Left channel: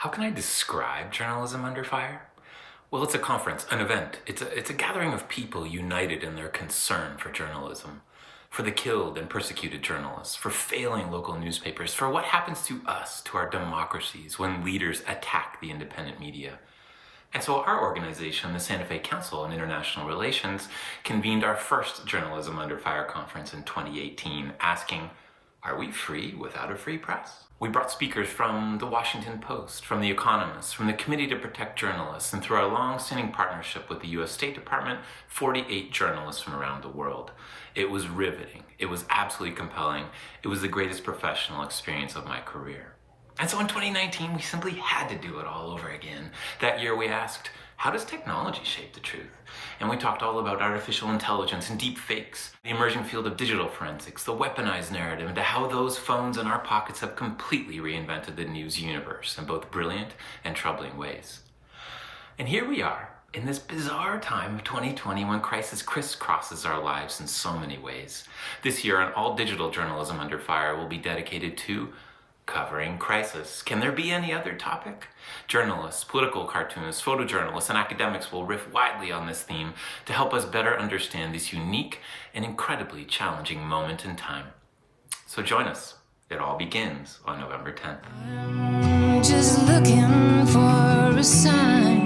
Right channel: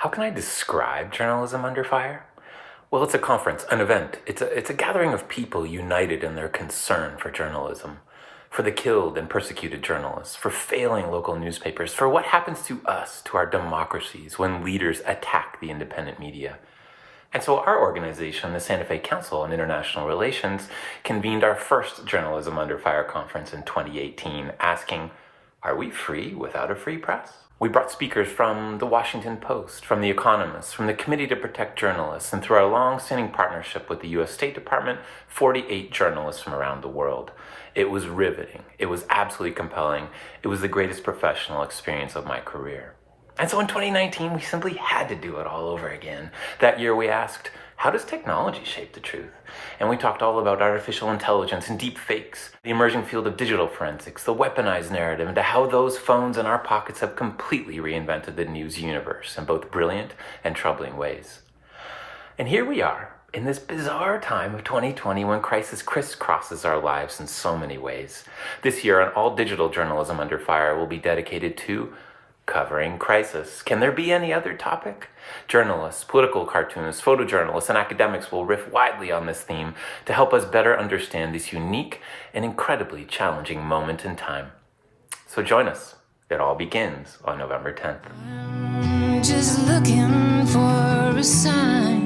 How can I describe journalism under fire? Well, it's a conference, an event. It's a gathering of people united in their concern for journalism, for the killed and persecuted journalists, for failing local newspapers, for what happens to us, to our democracies, when leaders attack the independent media. And so our organization, the Santa Fe Council on International Relations, convened our first Journalism Under Fire conference in 2018, asking, are we free without a free press? We brought speakers from The Washington Post, from The Economist, from the Committee to Protect Journalists, and through our long-standing partnership with the U.S. State Department, 48 journalists from around the world. It was riveting. It was absolutely compelling. It was the greatest professional experience of my career. And so in 2019, we simply had to do it all over again. That year we asked, how does technology shape the truth? And we talked all about artificial intelligence and deep fakes, the emerging field of digital forensics, the weaponized narrative, and how those phones in our pockets have completely reinvented the news universe in both brilliant and troubling ways. And here we are, in this bizarre time of 2020 when crisis crisscrosses our lives in so many ways. This year, an all-digital Journalism Under Fire will be dedicated to covering crisis. Can there be any other topic? Journalists, political cartoonists, photojournalists, and academics will riff widely on this theme to help us better understand this unique and incredibly challenging moment in time. So join us. It all begins on November 10th. I'm just looking for a sign.